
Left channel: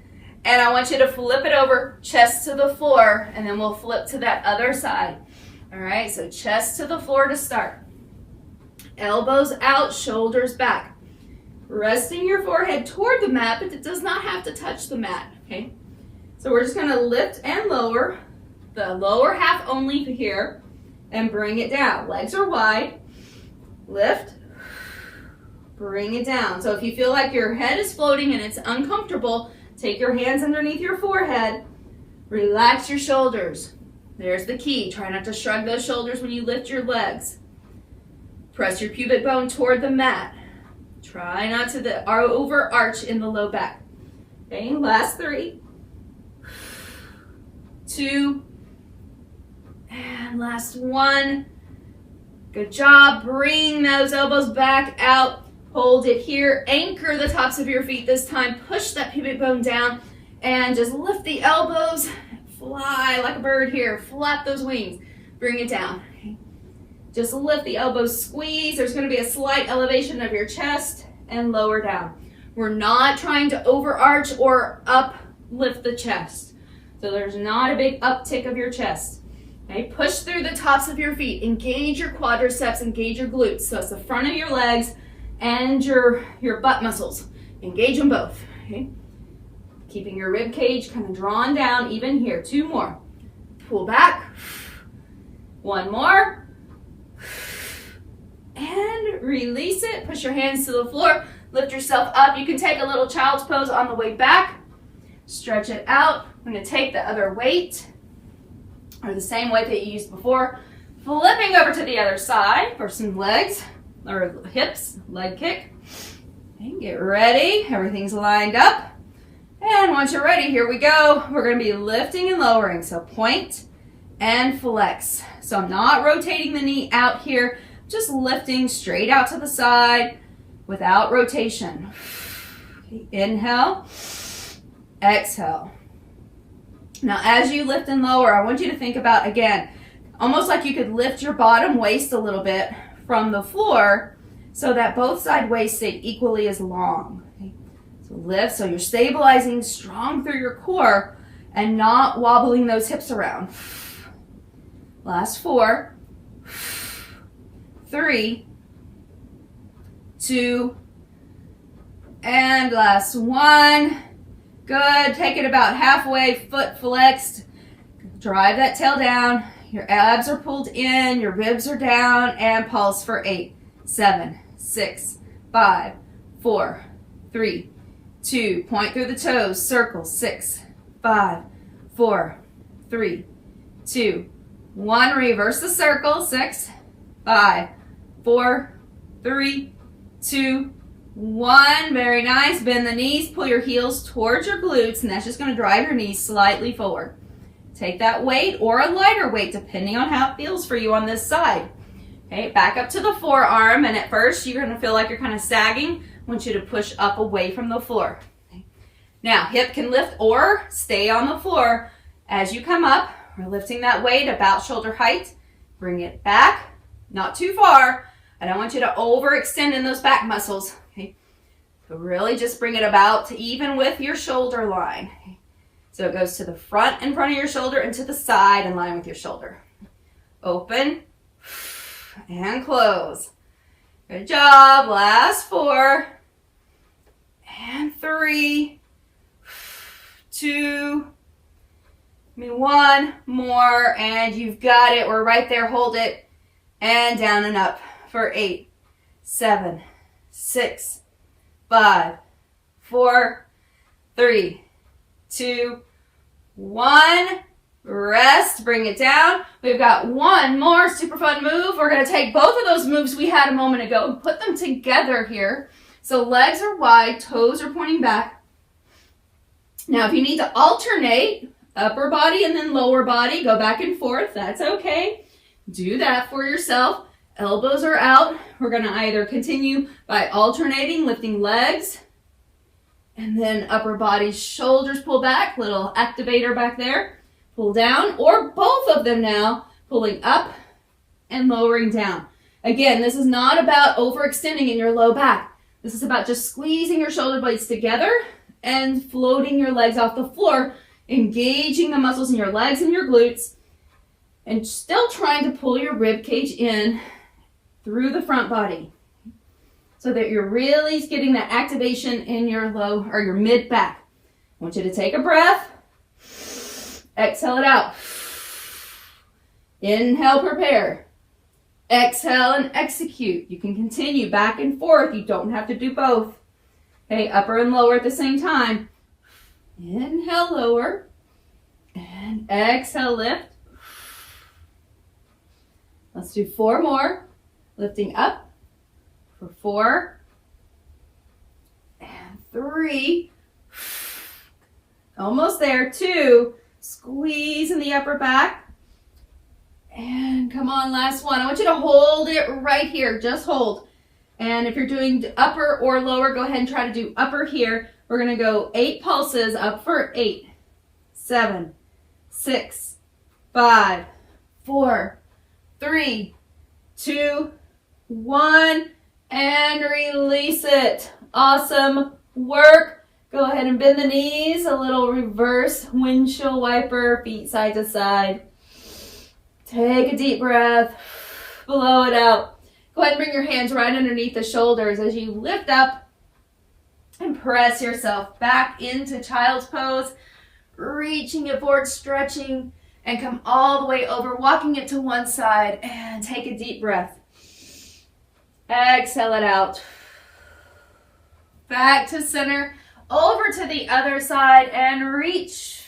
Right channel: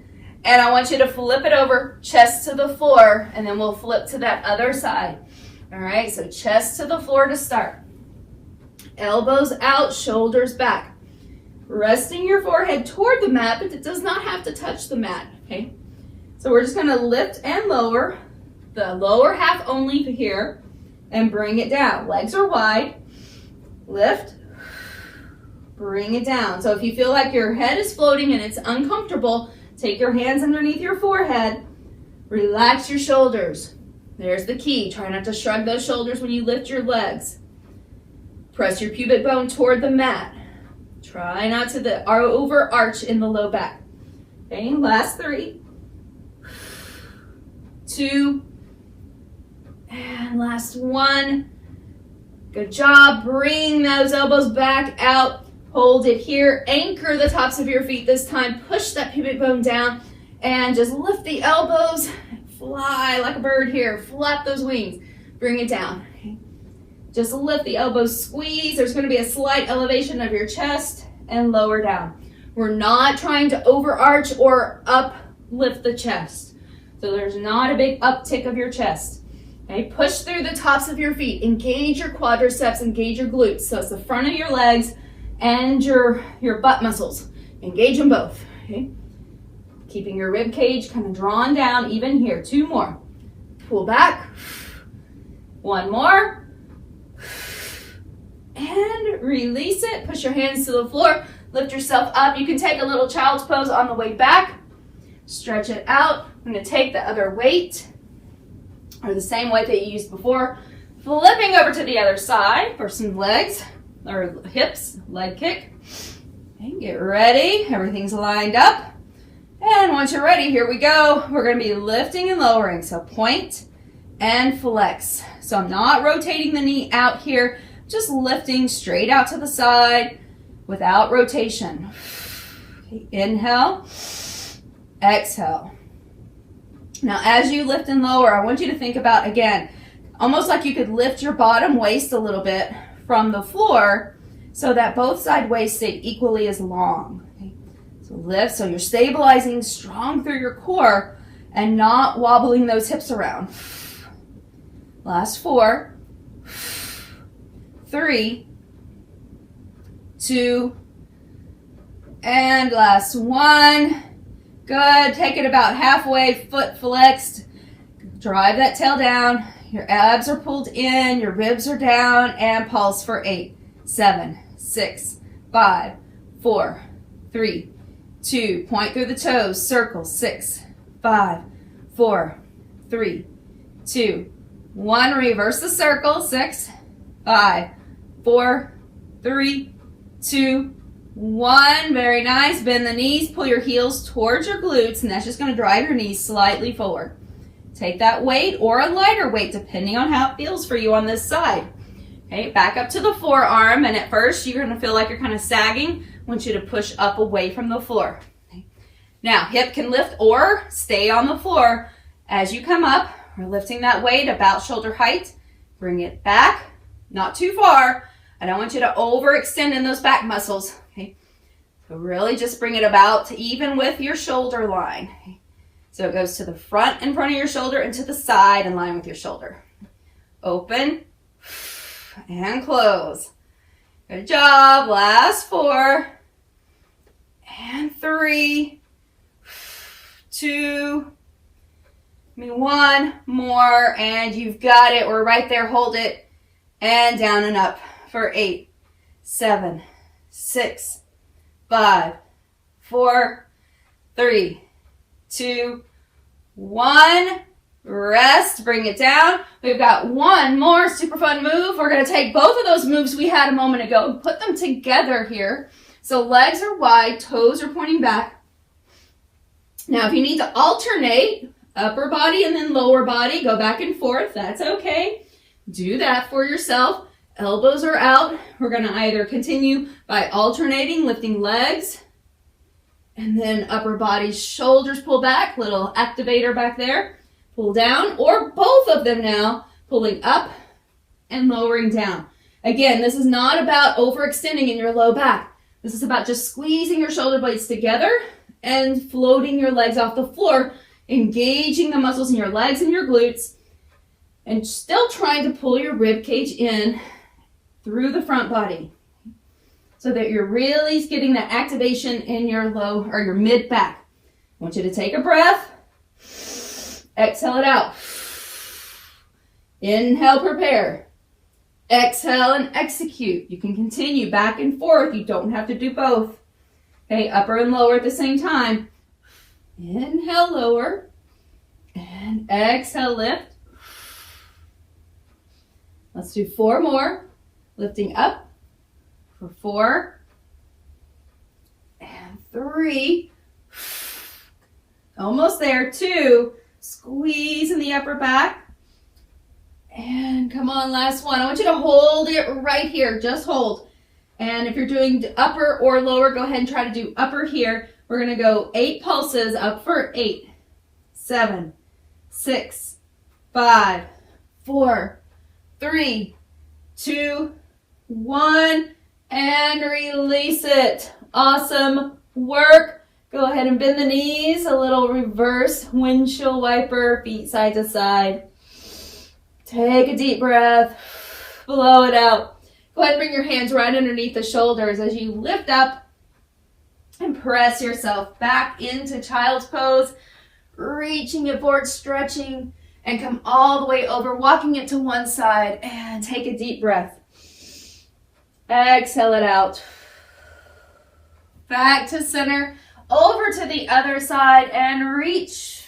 And I want you to flip it over, chest to the floor, and then we'll flip to that other side. All right, so chest to the floor to start. Elbows out, shoulders back. Resting your forehead toward the mat, but it does not have to touch the mat, okay? So we're just gonna lift and lower, the lower half only here, and bring it down. Legs are wide, lift, bring it down. So if you feel like your head is floating and it's uncomfortable, take your hands underneath your forehead, relax your shoulders. There's the key. Try not to shrug those shoulders when you lift your legs. Press your pubic bone toward the mat. Try not to overarch in the low back. Okay, last 3, 2, and last 1. Good job. Bring those elbows back out. Hold it here. Anchor the tops of your feet this time. Push that pubic bone down and just lift the elbows. Fly like a bird here. Flap those wings. Bring it down. Okay. Just lift the elbows, squeeze. There's going to be a slight elevation of your chest and lower down. We're not trying to overarch or uplift the chest. So there's not a big uptick of your chest. Okay, push through the tops of your feet. Engage your quadriceps, engage your glutes. So it's the front of your legs and your butt muscles. Engage them both. Okay? Keeping your rib cage kind of drawn down even here. 2 more. Pull back. 1 more. And release it. Push your hands to the floor. Lift yourself up. You can take a little child's pose on the way back. Stretch it out. I'm going to take the other weight, or the same weight that you used before. Flipping over to the other side for some legs or hips, leg kick. Okay, get ready. Everything's lined up. And once you're ready, here we go. We're going to be lifting and lowering. So point and flex. So I'm not rotating the knee out here, just lifting straight out to the side without rotation. Okay, inhale, exhale. Now, as you lift and lower, I want you to think about, again, almost like you could lift your bottom waist a little bit from the floor so that both side waists stay equally as long. Okay? So lift, so you're stabilizing strong through your core and not wobbling those hips around. Last 4, 3, 2, and last 1. Good. Take it about halfway, foot flexed. Drive that tail down. Your abs are pulled in, your ribs are down, and pulse for 8, 7, 6, 5, 4, 3, 2. Point through the toes. Circle. 6, 5, 4, 3, 2, 1. Reverse the circle. 6, 5, 4, 3, 2, 1. Very nice. Bend the knees. Pull your heels towards your glutes, and that's just going to drive your knees slightly forward. Take that weight or a lighter weight, depending on how it feels for you on this side. Okay, back up to the forearm, and at first you're going to feel like you're kind of sagging. I want you to push up away from the floor. Okay. Now, hip can lift or stay on the floor. As you come up, we're lifting that weight about shoulder height. Bring it back, not too far. I don't want you to overextend in those back muscles. Okay. So really just bring it about to even with your shoulder line. Okay. So it goes to the front in front of your shoulder and to the side in line with your shoulder. Open and close. Good job. Last 4 and 3, 2, 1 more, and you've got it. We're right there. Hold it and down and up for 8, 7, 6, 5, 4, 3, 2, 1, rest, bring it down. We've got one more super fun move. We're going to take both of those moves we had a moment ago and put them together here. So legs are wide, toes are pointing back. Now, if you need to alternate upper body and then lower body, go back and forth, that's okay. Do that for yourself. Elbows are out. We're going to either continue by alternating, lifting legs, and then upper body, shoulders pull back, little activator back there, pull down, or both of them now, pulling up and lowering down. Again, this is not about overextending in your low back. This is about just squeezing your shoulder blades together and floating your legs off the floor, engaging the muscles in your legs and your glutes, and still trying to pull your rib cage in through the front body so that you're really getting that activation in your low or your mid back. I want you to take a breath, exhale it out. Inhale, prepare. Exhale and execute. You can continue back and forth. You don't have to do both. Okay, upper and lower at the same time. Inhale, lower, and exhale, lift. Let's do 4 more. Lifting up for 4 and 3. Almost there. 2. Squeeze in the upper back. And come on, last one. I want you to hold it right here. Just hold. And if you're doing upper or lower, go ahead and try to do upper here. We're going to go 8 pulses up for 8, 7, 6, 5, 4, 3, 2, 1, and release it. Awesome work. Go ahead and bend the knees, a little reverse windshield wiper, feet side to side. Take a deep breath, blow it out. Go ahead and bring your hands right underneath the shoulders as you lift up and press yourself back into child's pose, reaching it forward, stretching, and come all the way over, walking it to one side, and take a deep breath. Exhale it out. Back to center, over to the other side, and reach.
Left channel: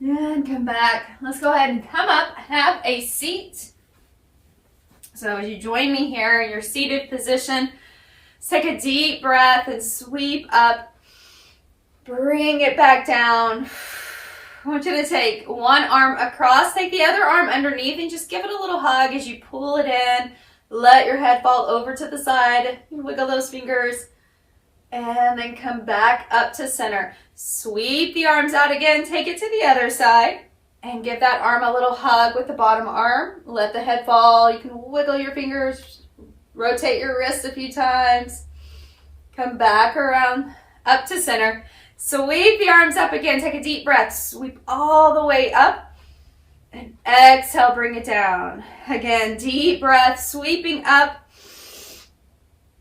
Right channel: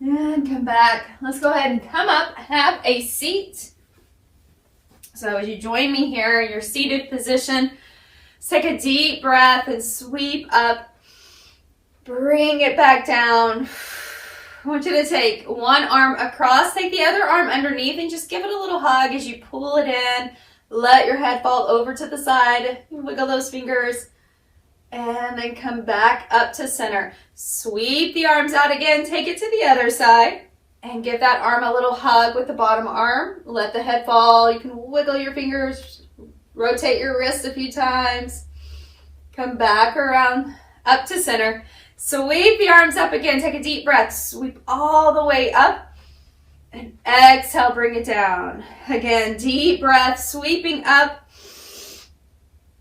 And come back. Let's go ahead and come up, have a seat. So as you join me here in your seated position, take a deep breath and sweep up. Bring it back down. I want you to take one arm across, take the other arm underneath, and just give it a little hug as you pull it in. Let your head fall over to the side. Wiggle those fingers. And then come back up to center. Sweep the arms out again. Take it to the other side. And give that arm a little hug with the bottom arm. Let the head fall. You can wiggle your fingers. Rotate your wrist a few times. Come back around up to center. Sweep the arms up again. Take a deep breath. Sweep all the way up. And exhale, bring it down. Again, deep breath, sweeping up.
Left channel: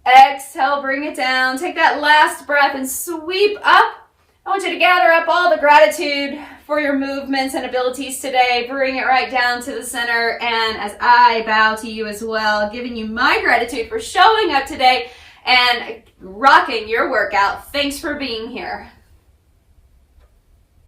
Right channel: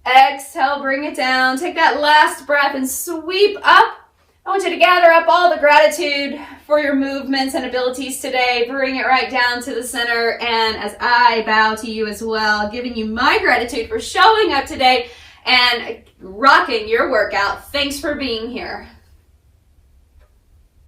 Exhale, bring it down. Take that last breath and sweep up. I want you to gather up all the gratitude for your movements and abilities today. Bring it right down to the center. And as I bow to you as well, giving you my gratitude for showing up today and rocking your workout. Thanks for being here.